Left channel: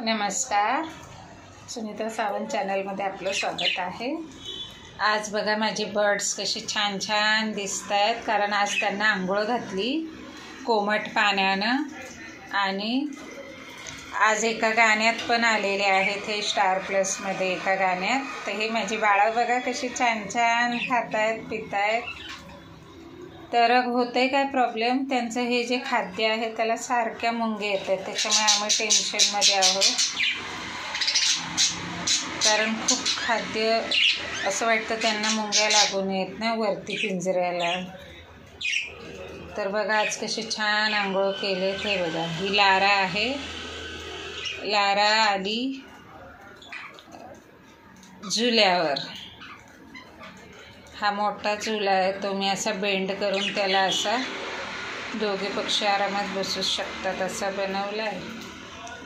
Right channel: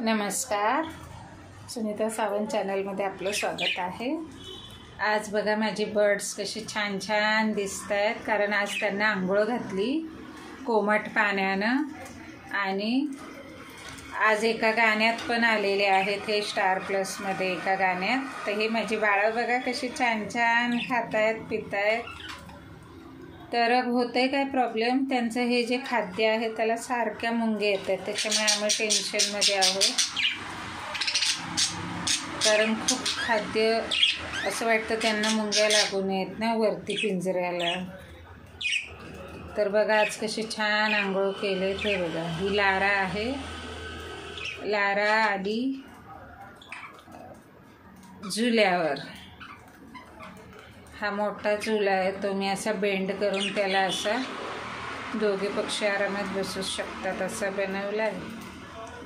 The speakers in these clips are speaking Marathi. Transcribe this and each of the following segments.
नमस्कार, सुनीता सावंत चॅनलमध्ये आपलं स्वागत आहे। आज बघा माझे बर्ड्स कसे छान छान दिसत आहेत, कारण आज त्यांना आंघोळ घातली कोमट पाण्यानं। आणि आज एका गाण्यात पण आलेले आहेत हे स्टार प्लसमध्ये एका गाण्यात। तर हे माझी बाळं बघा कशी छान छान खात आहेत पित आहेत। तर होतं काय प्रॉब्लेम, त्यांचं हे जे खाद्य आहे त्याला सारख्या मुंग्या येतात, त्याच्यामुळे आम्ही टेन्शनमध्ये आहोत। कारण खूप खाद्य असं वाटतं त्यांना मुंग्या लागून येत ना वरती पिंजऱ्याला। तर बघा आज कशी छान आंघोळ केले ते बघा। ही लारा आहे, लारा आली झुल्यावर। हा मोठा झुला आहे, तो मी असा बेंड करून त्याला असा दोघे पक्षी आरामात बसू शकतात असा बनवला आहे।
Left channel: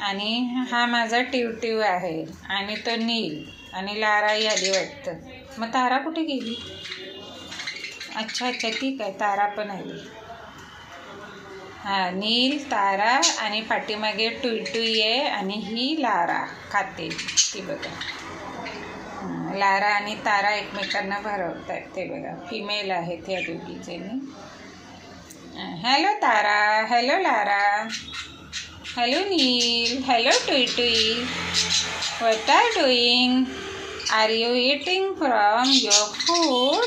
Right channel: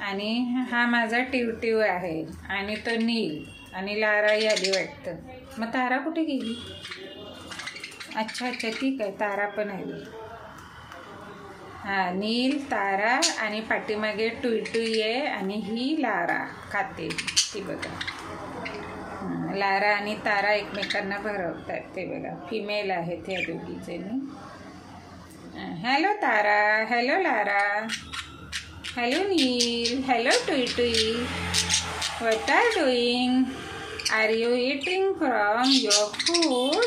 आणि हा माझा टिवटिव आहे आणि तो नील, आणि लाराही आली वाटतं। मग तारा कुठे गेली? अच्छा अच्छा ठीक आहे, तारा पण आली। हां, नील, तारा आणि पाठीमागे टुईटुई आहे, आणि ही लारा खाते ती बघा। लारा आणि तारा एकमेकांना भरवत आहेत ते बघा, फिमेल आहेत त्या दोघीजणी। Hello Tara, hello Lara, hello Neil, hello टुईटुई, what are doing? Are you eating from your food?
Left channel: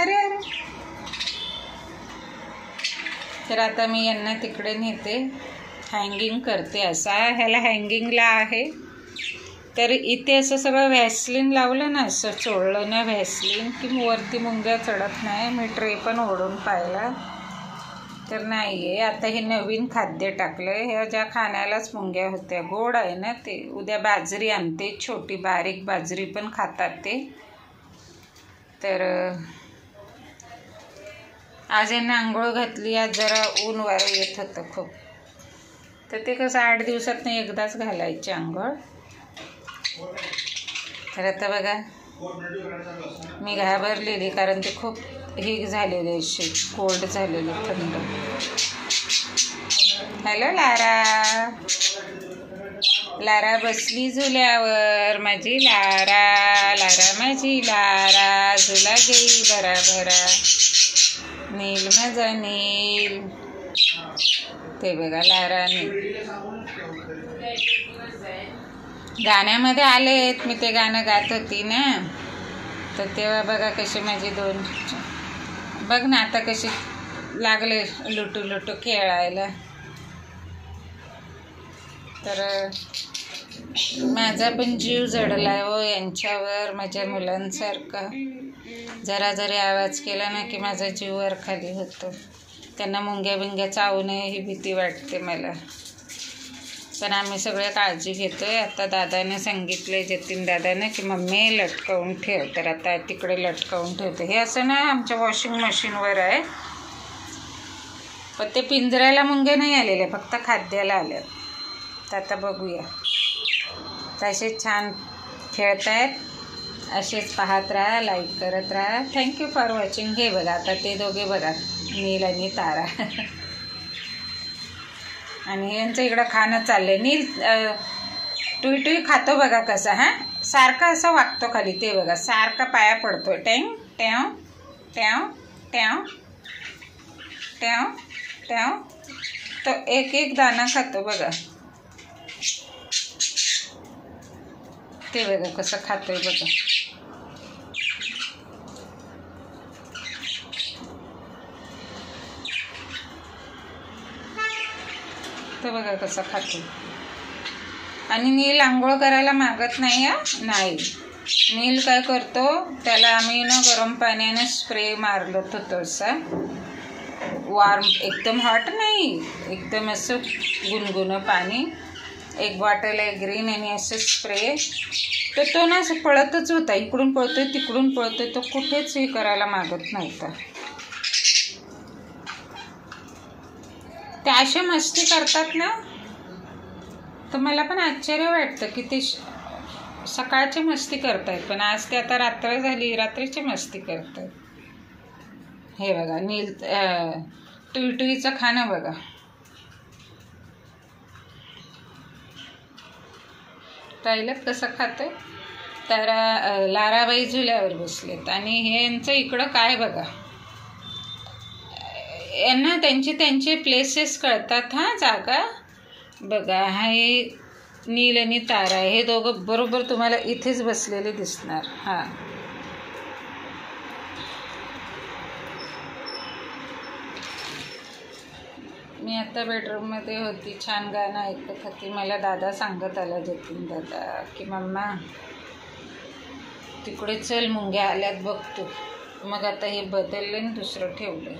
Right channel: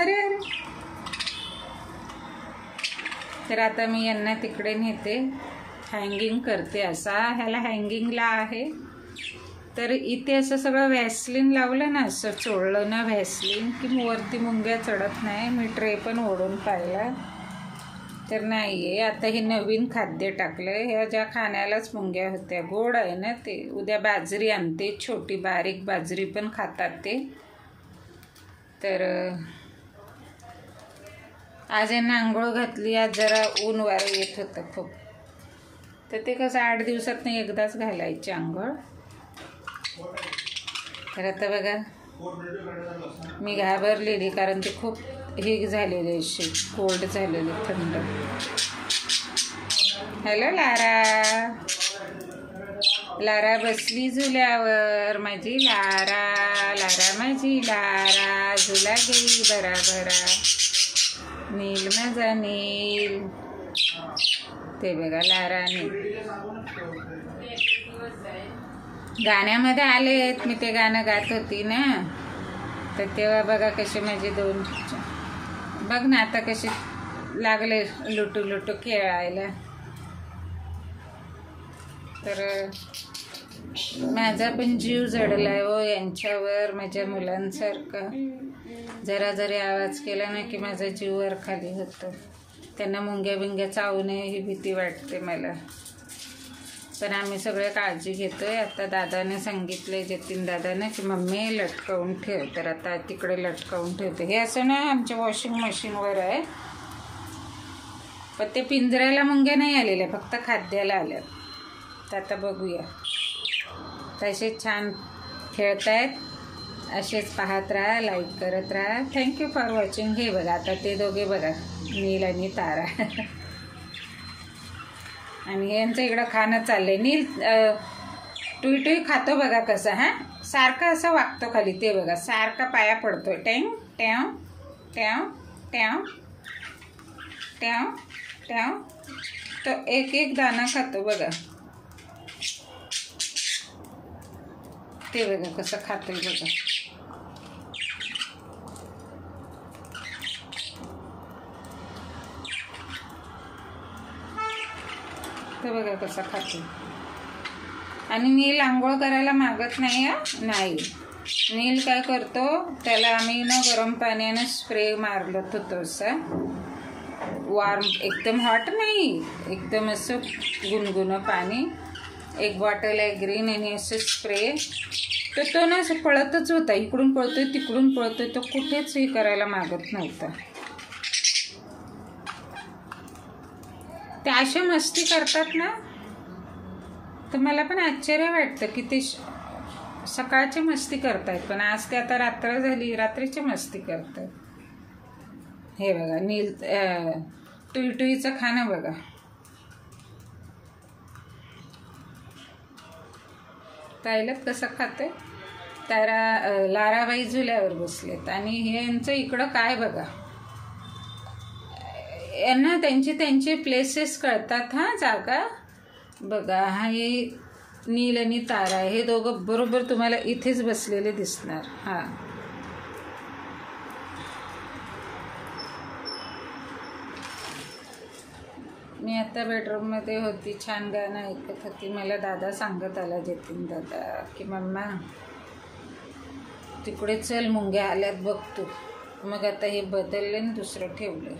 अरे अरे, तर आता मी यांना तिकडे नेते, हँगिंग करते असा। ह्याला हँगिंगला आहे, तर इथे असं सगळं व्हॅसलीन लावलं ना, असं चोळलं ना व्हॅसलीन, की वरती मुंग्या चढत नाही। मी ट्रे पण ओढून पाहिला तर नाही आहे। आता हे नवीन खाद्य टाकलं आहे, ह्या ज्या खाण्यालाच मुंग्या होत्या। गोड आहे ना ते। उद्या बाजरी आणते, छोटी बारीक बाजरी पण खातात ते। तर आज यांना आंघोळ घातली। आज जरा ऊन वारं येत होतं खूप, तर ते कसं 8 दिवसातनं एकदाच घालायचे आंघोळ। तर आता बघा मी घाबरलेली, कारण ते खूप हे झालेले असे कोल्ड झालेले, थंड। हॅलो लारा, लारा बसली झुल्यावर माझी लारा, लारा माझी लारा, झुला गेली भरा भरा, नील माझा नील। ते बघा लारा नील गाण्यामध्ये आलेत। मी ते गाणं गात होती ना, तर तेव्हा बघा कसे माझे दोन, बघ ना आता कसे लागले लुटू लुटू खेळायला। तर माझा पण जीव जडलाय हो यांच्यावर, माझ्या मुलांसारखा। जरा जरी आवाज केला ना की माझा जीव वर खाली होतो। त्यांना मुंग्या बिंग्या चावू नये ही भीती वाटते मला, पण आम्ही सगळे काळजी घेतोय। आता दादाने सांगितलंय, जतीन दादाने, की मम्मी लटकवून ठेव, तर आता तिकडे लटकवून ठेवते। हे असं ना आमच्या वॉशिंग मशीनवर आहे, पण ते पिंजऱ्याला मुंग्या नाही आलेल्या, फक्त खाद्याला आल्या। तर आता बघूया, तसे छान खेळतायत, असेच पाहत राहा, लाईक करत राहा। Thank you for watching. हे बघा आता ते दोघे बघा, नील आणि तारा, आणि यांचं इकडं खाणं चाललंय। नील टुईटुई खातो बघा कसं, हां सारखं असं वागतो खाली, ते बघा सारखा पाया पडतोय, टेंग ट्याव ट्याव ट्याव ट्याव ट्याव। तो एक एक दाणा खातो बघा, ते बघा कसं खातोय बघा। तर बघा कसं खातो। आणि नील आंघोळ करायला मागत नाही नाही। नील काय करतो, त्याला आम्ही ना गरम पाण्याने स्प्रे मारलं होतं असं वार्म, एकदम हॉट नाही, एकदम असं गुणगुणं पाणी, 1 बॉटल आहे ग्रीन, आणि असं स्प्रे। तर तो ना असं पळतच होता, इकडून पळतोय तिकडून पळतोय, तो कुठेच हे करायला मागत नव्हता। ते असे मस्ती करतात ना, तर मला पण आश्चर्य वाटतं की ते सकाळची मस्ती करतायत, पण आज ते आता रात्र झाली, रात्रीची मस्ती करतायत। हे बघा नील टुईटुईचं खाणं बघा, पाहिलं कसं खातं. तारा लाराबाई झुल्यावर बसलेत आणि हे यांचं इकडं काय बघा, यांना त्यांचे प्लेसेस कळतात. हां, जागा बघा. हे नील आणि तारा, हे दोघं बरोबर तुम्हाला इथेच बसलेले दिसणार. हां, मी आता बेडरूममध्ये होती, छान गाणं ऐकत होती. मला दादा सांगत आला, जतीन दादा, की मम्मा तिकडे चल, मुंग्या आल्यात बघ तू. मग आता हे बदलले आणि दुसरं ठेवलं.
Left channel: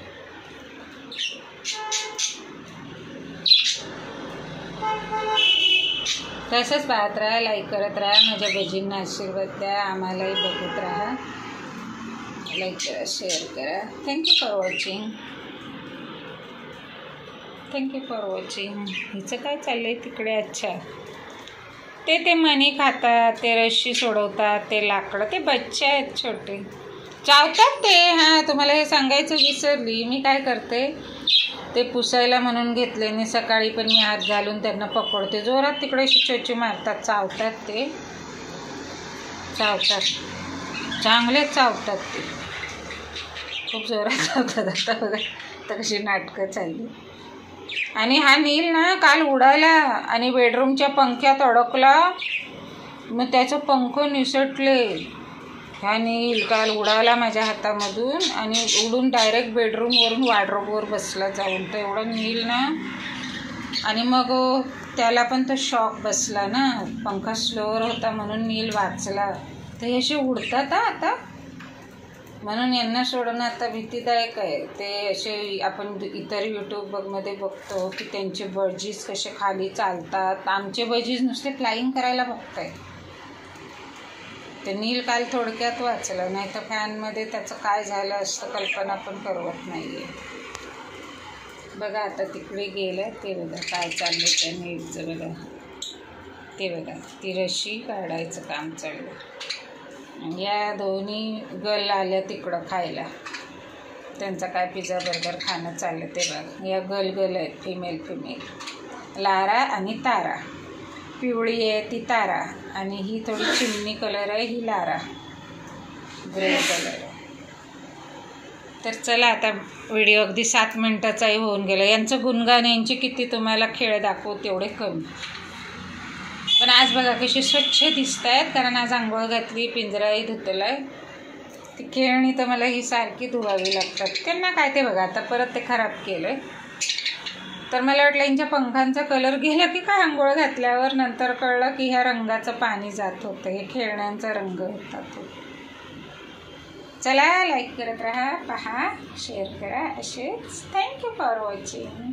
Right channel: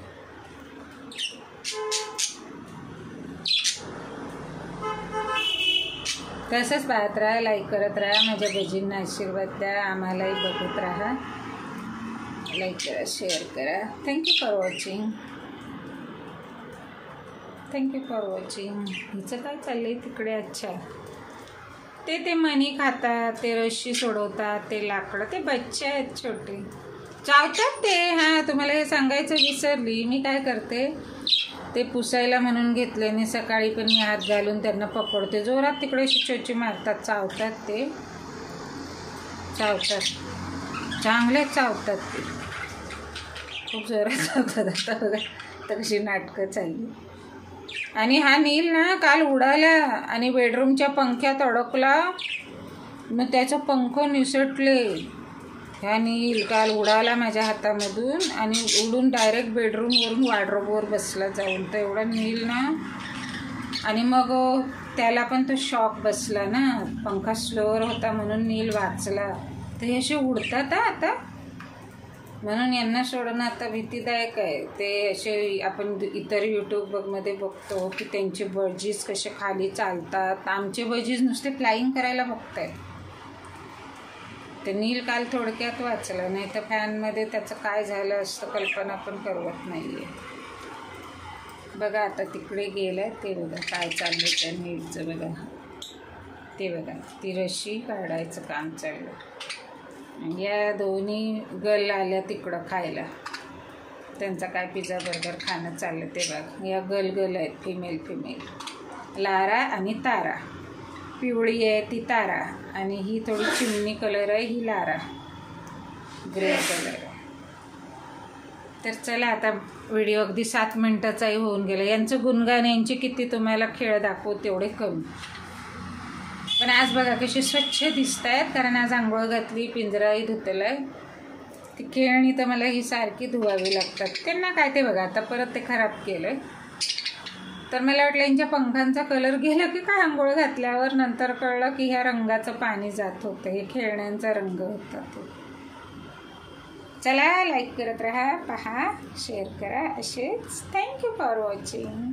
तसंच पाहत राहा, लाईक करत राहा, माझ्या भजींना आशीर्वाद द्या, आम्हालाही बघत राहा. लाईक करा, शेअर करा. Thank you for watching. Thank you for watching. हिचं काय चाललं आहे तिकडे? अच्छा, ते मणी खातात, ते रशी सोडवतात, ते लाकडं, ते बच्चे आहेत छोटे, चावतात ते. हां, तुम्हाला हे सांगायचं विसरली. मी काय करते, ते पुसायला म्हणून घेतले आणि सकाळी पण मी हात घालून त्यांना पकडते. जोरात तिकडे चोची मारतात, चावतात, ते चावतात, चांगलेच चावतात ते, खूप जोरात चावतात. आता बघा तर कशी नाटकं चालली. आणि हा नील ना काल उडाला आणि बेडरूमच्या पंख्यात अडकला, मग त्याचं पंख निसटले. हा नील काल उडाला माझ्या हातामधून आणि उडून डायरेक्ट बेडरूमवरून वॉर्डरोबवर बसला जाऊन. तर एवढा नील ना, आणि मग त्याला पण तो शॉक बसला ना, पंखा स्लोअर होता म्हणून नील वाचला. तर हे असे उडतात आता, म्हणून यांना सोडणं आता भीतीदायक आहे. ते असे आपण इतर यूट्यूबमध्ये बघतो की त्यांचे बजीज कसे खाली चालतात. आमचे बजीज नुसते फ्लाईंग करायला बघताय. ते नील काल थोडक्यात वाचलं, नाही तर फॅनमध्ये त्याचं काय झालं असतं कल्पना पण करवत नाही आहे. बघा आता तिकडे गेलं, ते बघा काय चाललं त्या नीलचं. बघा ते बघा, ती रशी काढायचं काम चाललं. या दोन्ही गल आल्या तिकडं खायला, त्यांचा काय पिझ्झा बर्गर खाणं चाललं. ते बघा, या गल आहेत, फिमेल, लारा आणि तारा. पिवळी आहे ती तारा आणि ही थोडी चिमणी कलर आहे, ही लारा, ग्रे कलर. तर चला, आता व्हिडिओ अगदी 7 मिनिटाचाही होऊन गेला. यांचं गुणगान, यांची किती तुम्हाला खेळ दाखवू तेवढे कमी. पण आज बघा कशी स्वच्छ दिसत आहेत, कारण आज आंघोळ घातली, पिंजराही धुतला आहे. ती खेळणी तर मला ही सारखी धुवावी लागतात. त्यांना काय, ते बघा आता परत ते खराब केलं आहे. तर मला वाटलं यांच्या पंखांचा कलर गेला की काय आंघोळ घातल्यावर. नंतर कळलं की ह्या रंगाचं पाणी जात होतं, हे खेळण्यांचा रंग होता तो. चला, लाईक करत राहा, पहा, शेअर करा असेच. Thank you for watching.